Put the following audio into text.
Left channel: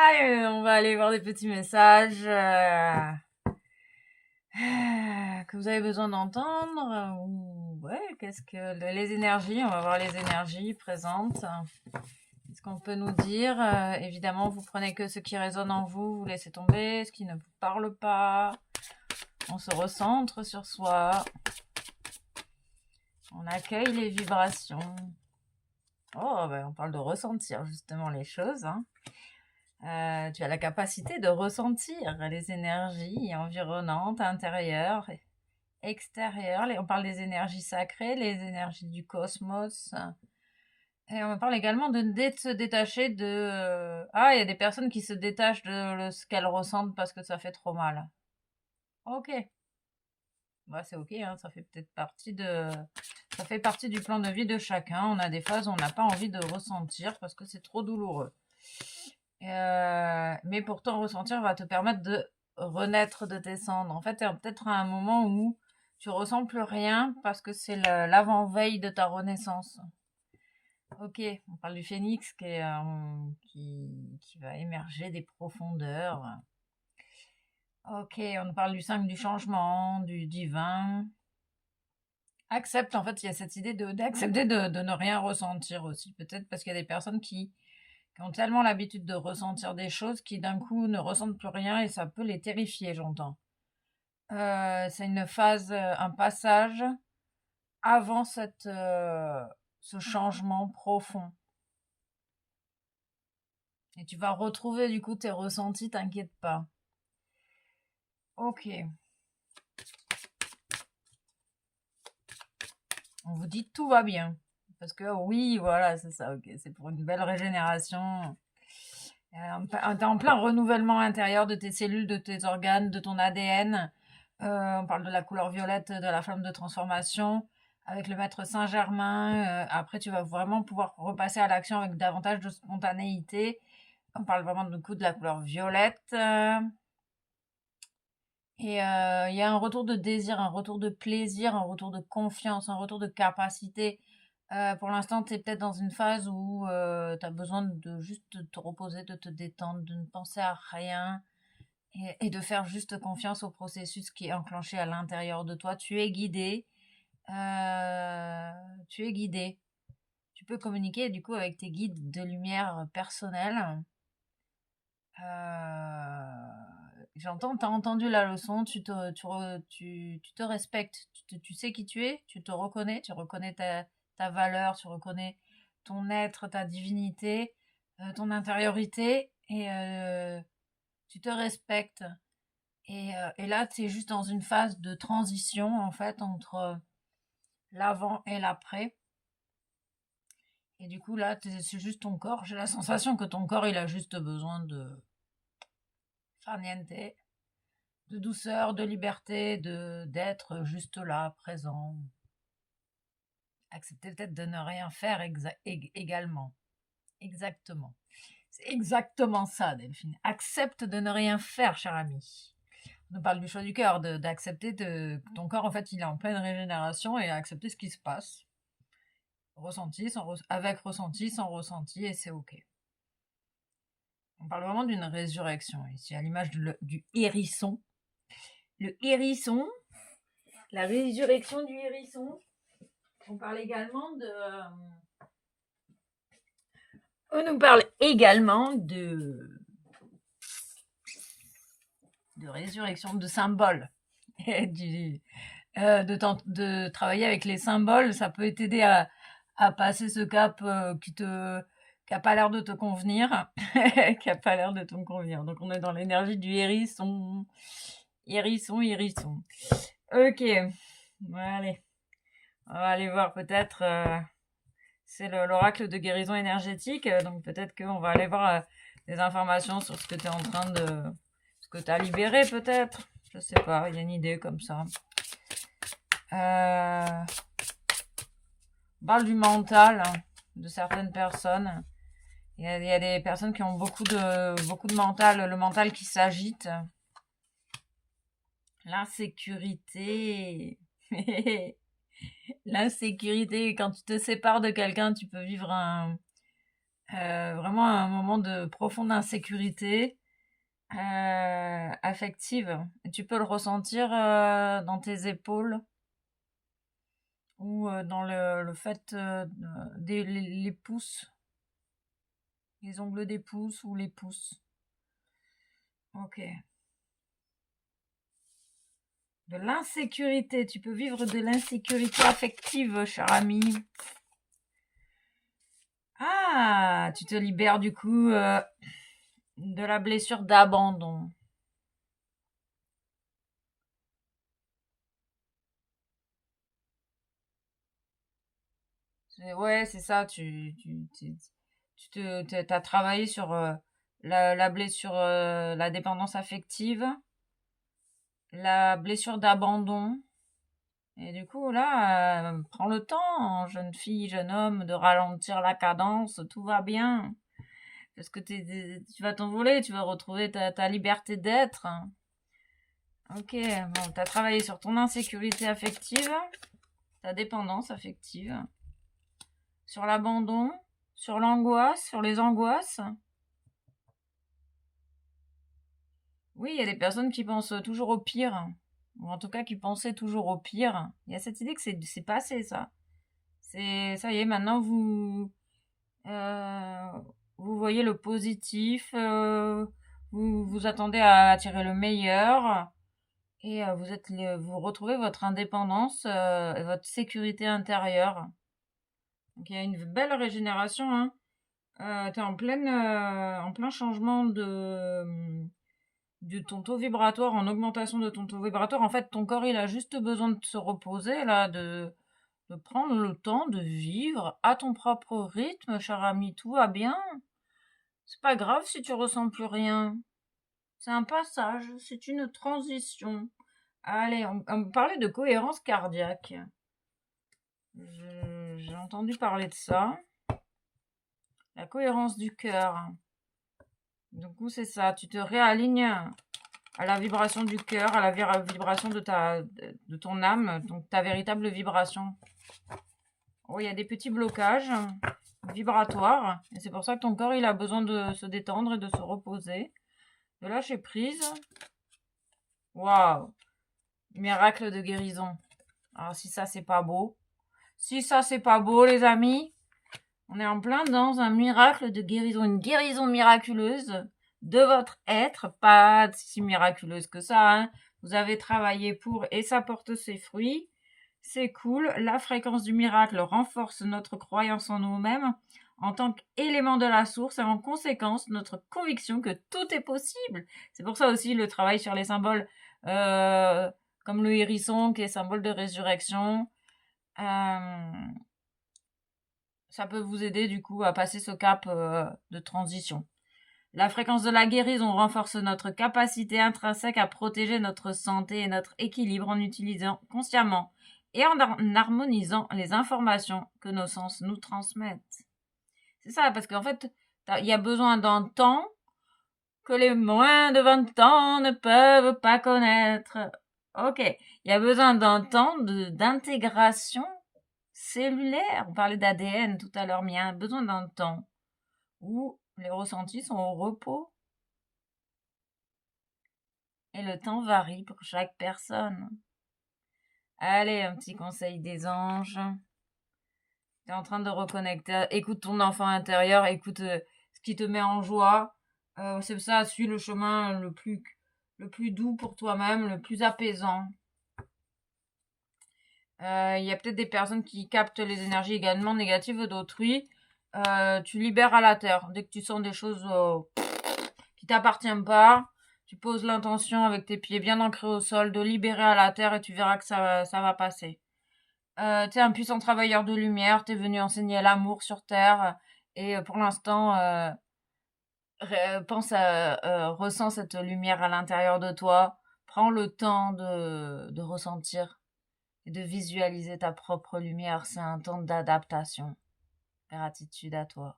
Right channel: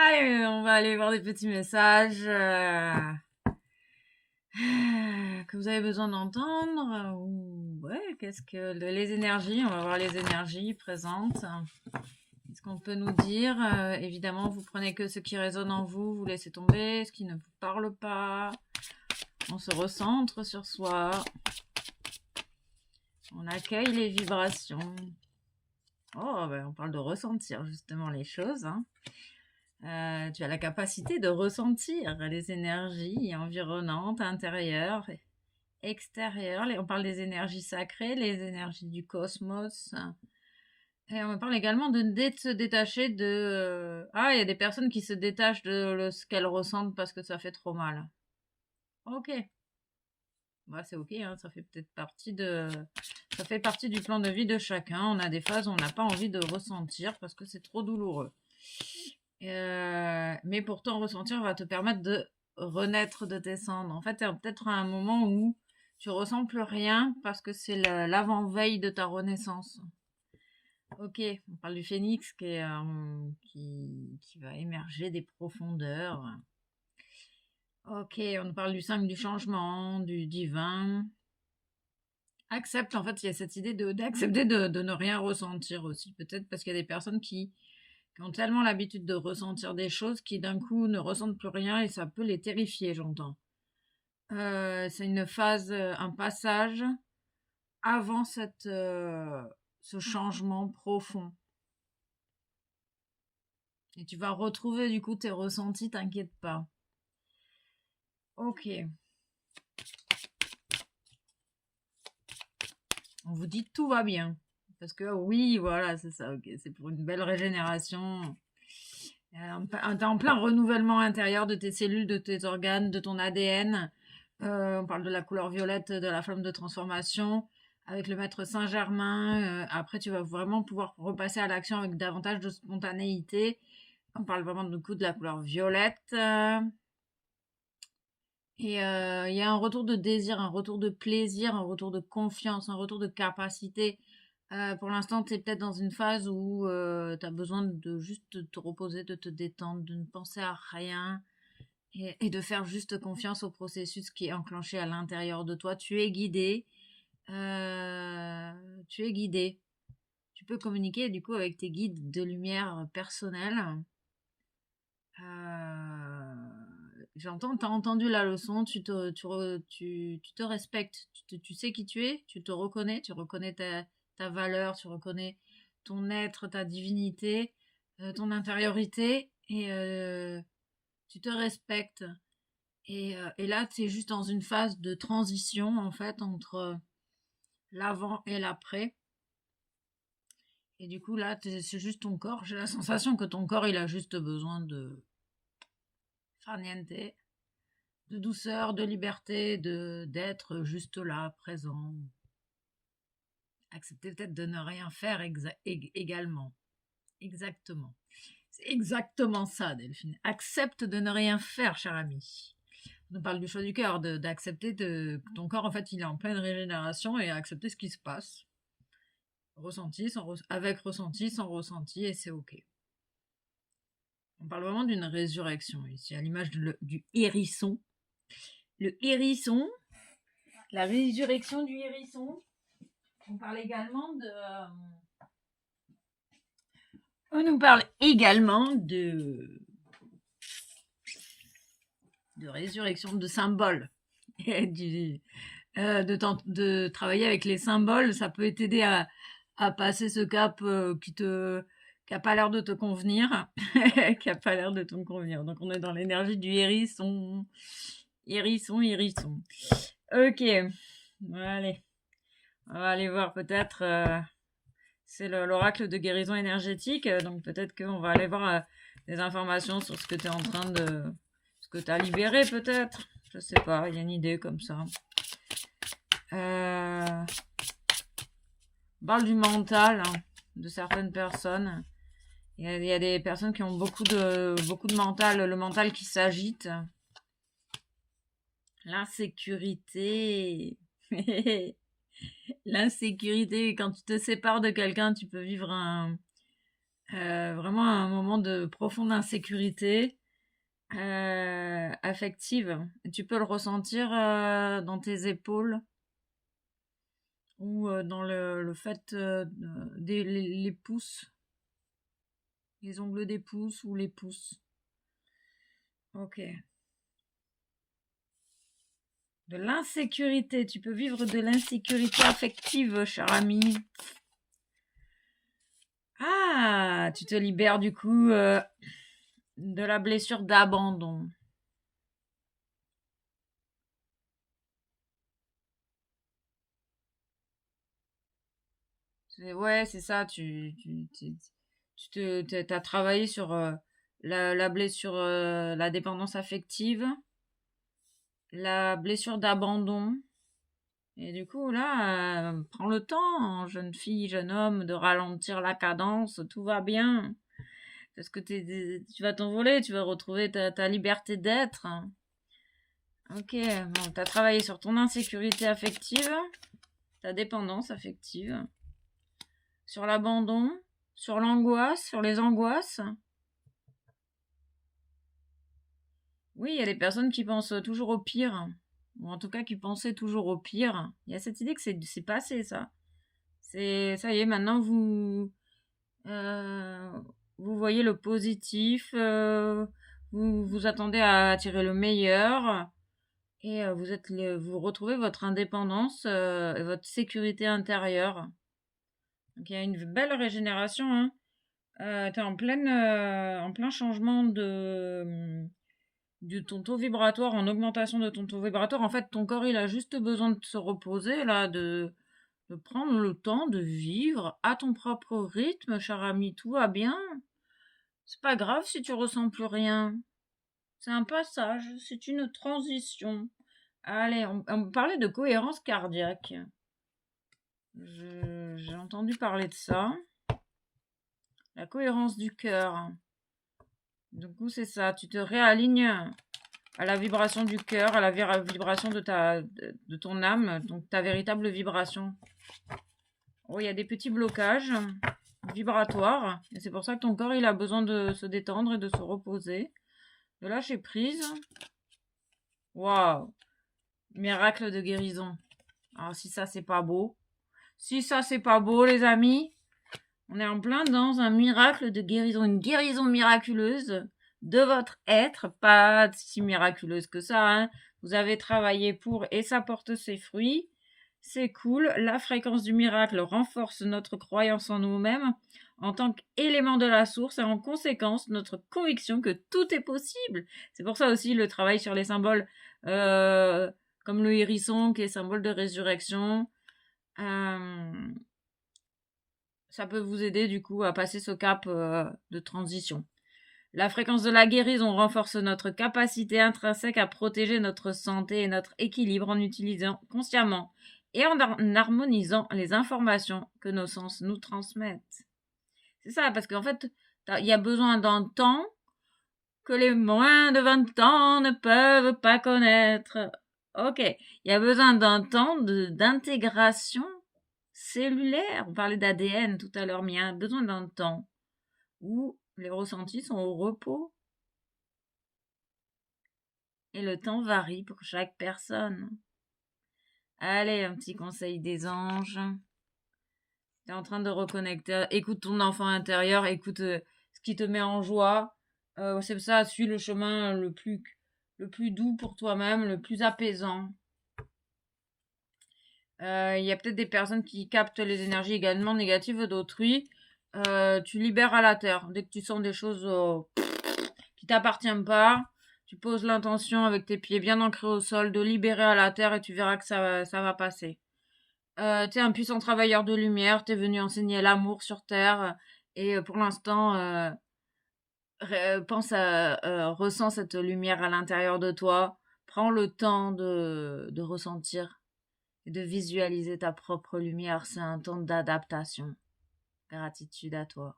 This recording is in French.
Allez, on va aller voir des petits messages que vous avez besoin d'entendre. Ou ouais, qu'est-ce que les énergies, on va voir les énergies présentes. Qu'est-ce qu'on peut nous dire? Évidemment, vous prenez que ce qui résonne en vous, vous laissez tomber ce qui ne vous parle pas. On se recentre sur soi. On accueille les vibrations. Oh, ben, on parle de ressentir justement les choses. Tu as la capacité de ressentir les énergies environnantes, intérieures, extérieures. On parle des énergies sacrées, les énergies du cosmos. Et on parle également de se détacher de... Ah, il y a des personnes qui se détachent de ce qu'elles ressentent parce que ça fait trop mal. Ok. Bah, c'est ok, hein, ça fait peut-être partie de... Ça fait partie du plan de vie de chacun. On a des phases où on n'a pas envie de ressentir parce que c'est trop douloureux. Mais pourtant, ressentir va te permettre de renaître de tes cendres. En fait, tu es peut-être à un moment où tu ressens plus rien parce que c'est l'avant-veille de ta renaissance. Ok, on parle du phénix qui va émerger des profondeurs. Ok, on parle du 5 du changement, du divin. Accepte, en fait, il y a cette idée d'accepter de ne rien ressentir aussi. Peut-être parce qu'il y a des personnes qui ont tellement l'habitude de ressentir des choses qui d'un coup ne ressentent plus rien et ça peut les terrifier, j'entends. C'est une phase, un passage avant ce changement profond. Et tu vas retrouver du coup tes ressentis, t'inquiète pas. Ok. On vous dit tout va bien. Parce que oui, voilà, c'est ça, ok. C'est pour une belle régénération. T'es en plein renouvellement intérieur de tes cellules, de tes organes, de ton ADN. On parle de la couleur violette, de la flamme de transformation. Avec le maître Saint-Germain, après tu vas vraiment pouvoir repasser à l'action avec davantage de spontanéité. On parle vraiment du coup de la couleur violette. Et il y a un retour de désir, un retour de plaisir, un retour de confiance, un retour de capacité. Pour l'instant, tu es peut-être dans une phase où tu as besoin de juste te reposer, de te détendre, de ne penser à rien et de faire juste confiance au processus qui est enclenché à l'intérieur de toi. Tu es guidé. Tu es guidé. Tu peux communiquer du coup avec tes guides de lumière personnels. J'entends, tu as entendu la leçon, tu te respectes, tu sais qui tu es, tu te reconnais, tu reconnais ta valeur, tu reconnais ton être, ta divinité, ton intériorité, et tu te respectes. Et là, tu es juste dans une phase de transition, en fait, entre l'avant et l'après. Et du coup, là, c'est juste ton corps. J'ai la sensation que ton corps, il a juste besoin de farniente, de douceur, de liberté, d'être juste là, présent. Accepter peut-être de ne rien faire également. Exactement. C'est exactement ça, Delphine. Accepte de ne rien faire, cher ami. On nous parle du choix du cœur, d'accepter que ton corps, en fait, il est en pleine régénération et accepter ce qui se passe. Ressenti, avec ressenti, sans ressenti, et c'est OK. On parle vraiment d'une résurrection ici, à l'image du hérisson. Le hérisson, la résurrection du hérisson. On parle également de... on nous parle également de résurrection, de symboles. De travailler avec les symboles, ça peut t'aider à passer ce cap qui a pas l'air de te convenir, qui a pas l'air de te convenir. Donc on est dans l'énergie du hérisson, hérisson, hérisson. Ok, allez, on va aller voir peut-être. C'est l'oracle de guérison énergétique, donc peut-être qu'on va aller voir des informations sur ce que tu es en train de... ce que tu as libéré peut-être. Je sais pas, il y a une idée comme ça. On parle du mental de certaines personnes. Il y a des personnes qui ont beaucoup de mental, le mental qui s'agite. L'insécurité. L'insécurité, quand tu te sépares de quelqu'un, tu peux vivre Vraiment un moment de profonde insécurité affective. Et tu peux le ressentir dans tes épaules ou dans le fait les pouces, les ongles des pouces ou les pouces. Ok. De l'insécurité, tu peux vivre de l'insécurité affective, cher ami. Ah, tu te libères du coup de la blessure d'abandon. Ouais, c'est ça, t'as travaillé sur la blessure, la dépendance affective, la blessure d'abandon. Et du coup, là, prends le temps, jeune fille, jeune homme, de ralentir la cadence, tout va bien. Parce que tu vas t'envoler, tu vas retrouver ta liberté d'être. Ok, bon, tu as travaillé sur ton insécurité affective, ta dépendance affective, sur l'abandon, sur l'angoisse, sur les angoisses. Oui, il y a des personnes qui pensent toujours au pire, ou en tout cas qui pensaient toujours au pire. Il y a cette idée que c'est passé, ça. Ça y est, maintenant euh, vous voyez le positif, vous vous attendez à attirer le meilleur. Et vous retrouvez votre indépendance et votre sécurité intérieure. Donc il y a une belle régénération, hein. Tu es en plein changement de ton taux vibratoire, en augmentation de ton taux vibratoire. En fait, ton corps, il a juste besoin de se reposer, là, de prendre le temps de vivre à ton propre rythme, cher ami. Tout va bien. C'est pas grave si tu ressens plus rien. C'est un passage, c'est une transition. Allez, on parlait de cohérence cardiaque. J'ai entendu parler de ça. La cohérence du cœur. Du coup, c'est ça. Tu te réalignes à la vibration du cœur, à la vibration de ton âme, donc ta véritable vibration. Oh, il y a des petits blocages vibratoires. Et c'est pour ça que ton corps, il a besoin de se détendre et de se reposer. De lâcher prise. Waouh! Miracle de guérison. Alors, si ça, c'est pas beau. Si ça, c'est pas beau, les amis, on est en plein dans un miracle de guérison, une guérison miraculeuse de votre être, pas si miraculeuse que ça, hein. Vous avez travaillé pour et ça porte ses fruits. C'est cool. La fréquence du miracle renforce notre croyance en nous-mêmes en tant qu'élément de la source et en conséquence notre conviction que tout est possible. C'est pour ça aussi le travail sur les symboles euh, comme le hérisson qui est symbole de résurrection. Euh, Ça peut vous aider du coup à passer ce cap de transition. La fréquence de la guérison renforce notre capacité intrinsèque à protéger notre santé et notre équilibre en utilisant consciemment et en harmonisant les informations que nos sens nous transmettent. C'est ça, parce qu'en fait, il y a besoin d'un temps que les moins de 20 ans ne peuvent pas connaître. Ok, il y a besoin d'un temps d'intégration cellulaire. On parlait d'ADN tout à l'heure, mais il y a besoin d'un temps où les ressentis sont au repos. Et le temps varie pour chaque personne. Allez, un petit conseil des anges. Tu es en train de reconnecter. Écoute ton enfant intérieur, écoute ce qui te met en joie. C'est ça, suis le chemin le plus doux pour toi-même, le plus apaisant. Il y a peut-être des personnes qui captent les énergies également négatives d'autrui. Tu libères à la terre. Dès que tu sens des choses qui t'appartiennent pas, tu poses l'intention avec tes pieds bien ancrés au sol de libérer à la terre et tu verras que ça va passer. Tu es un puissant travailleur de lumière, tu es venu enseigner l'amour sur terre et pour l'instant, ressens cette lumière à l'intérieur de toi. Prends le temps de ressentir et de visualiser ta propre lumière. C'est un temps d'adaptation. Gratitude à toi.